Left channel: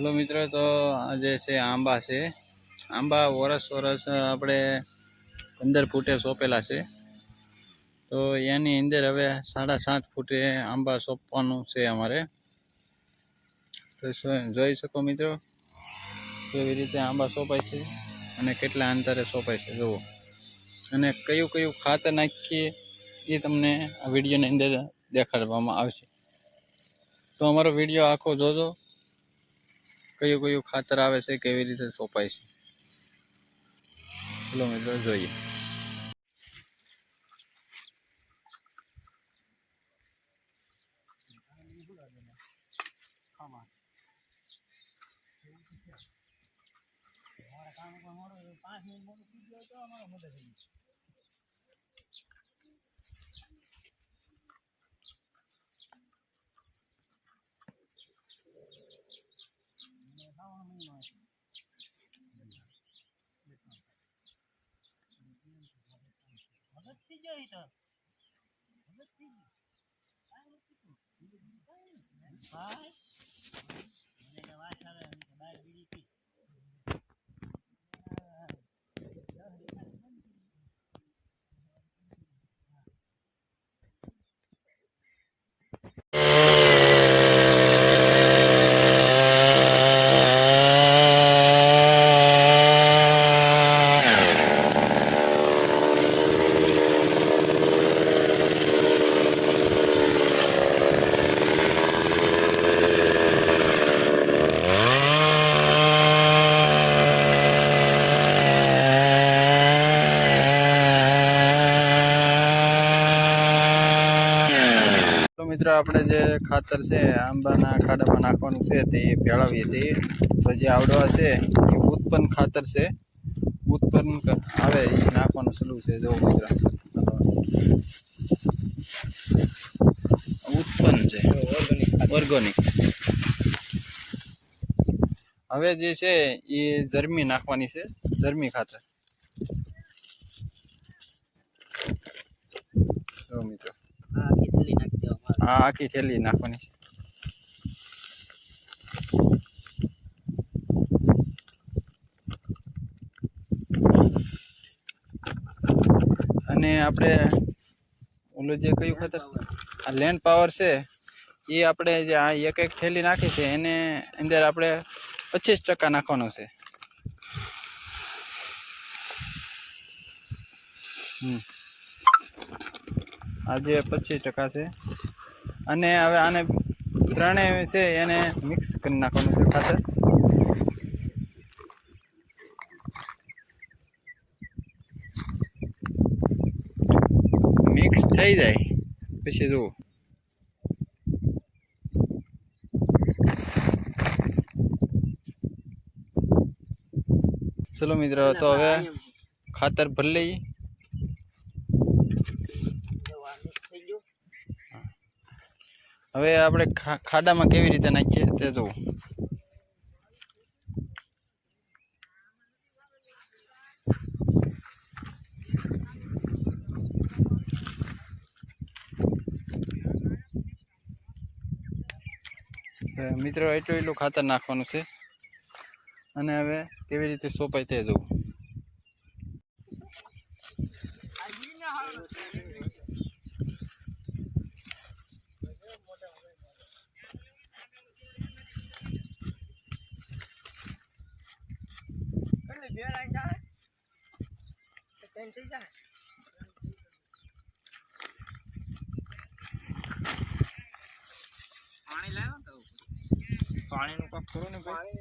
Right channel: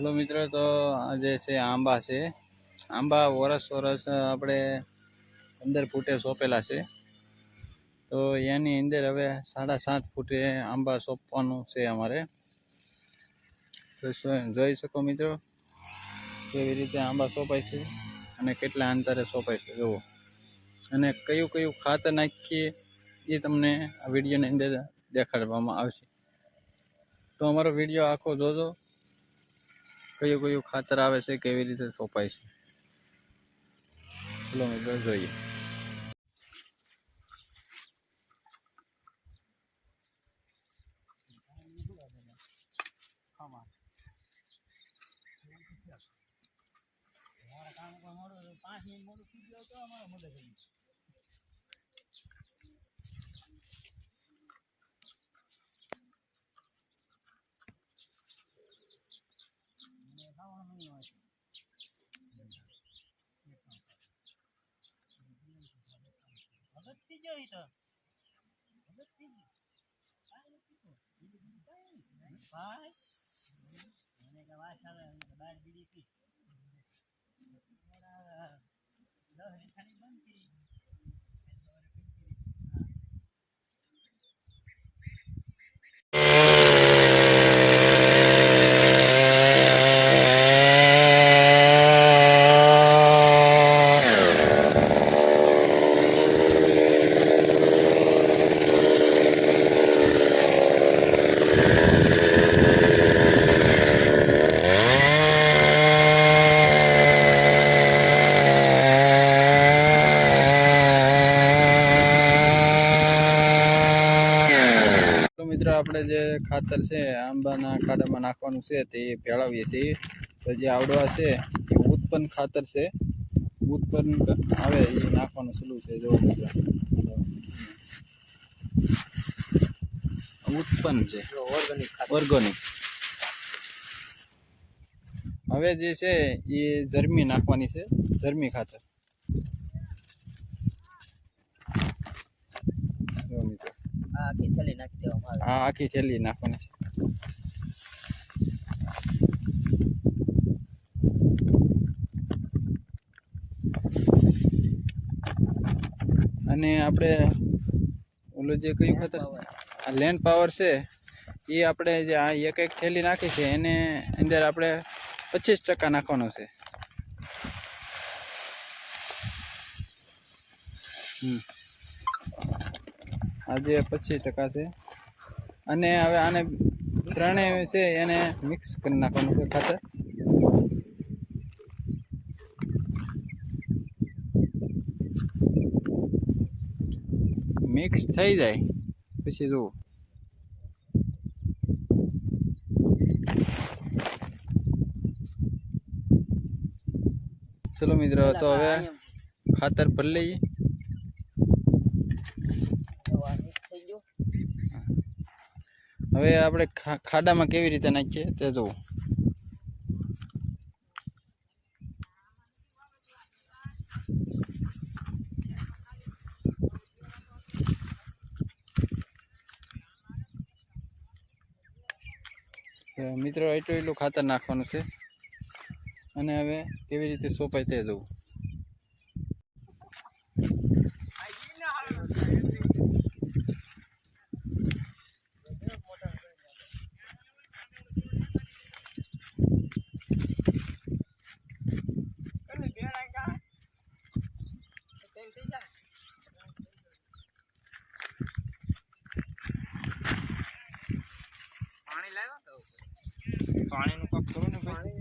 ચલો મિત્રો, તો આ જે છે આંબા છે. આંબા વરસ આપણે 15 ફૂટે સોંપેલા છે. તો એની અંદર હવે 7.5 ફૂટે આંબા સોંપવાનું છે અમારે. તો જોઈ શકો મિત્રો કેવી રીતે આંબા સોંપાય છે અને કેટલા અંતરે સોંપાય છે જુઓ. અને કયું કયું ખાતર નાખીએ એ તમને આ વિડીયોની અંદર દેખાડવામાં આવશે. તો અમારો વિડીયો આખો જોજો, કયું કયું ખાતર આવે છે, કેવી રીતે સોંપાય છે. ચલો મિત્રો જોઈએ. મિત્રો આપણે જે ખાતર છે આંબાના ખાડામાં નાખવાનું છે તે ભેળવીએ છીએ. તો જે આવડવા છે એ ઉત્પન્ન ખાતર છે, ઉત્પન્ન આવે એ નાખવાનું સલું છે. જો મિત્રો ઉત્પન્ન છે ઓર્ગોનિક. હવે જે છે એ જર્મી નાખવાની છે, જર્મી ખાતર. જો મિત્રો હા, આખી થેલી નાખવાની છે. અને આપણે ઓલું જે કયું ખાતર આ લેન્ડ પાવર છે એ આપણે જે આ એક એક થેલી નાખી છે એને અંદર આપણે 25% નાખવાનું છે. આજે 25% છે. અને હવે આને ત્રણેય છે એને મિક્સ કરી નાખવાનું છે ખાતર. મિક્સ થઈ જાય પછી જુઓ. ચલો મિત્રો, તો હવે ખાતર ભરી લઈએ. હવે આપણે ખાડામાં કેવી રીતે નાખીએ તે જોવું. મિત્રો એટલું ખાતર નાખવાનું છે અને હવે કેવી રીતે સોંપાય તે જોવું. પાણીનું કાપ કરો ને ભાઈ.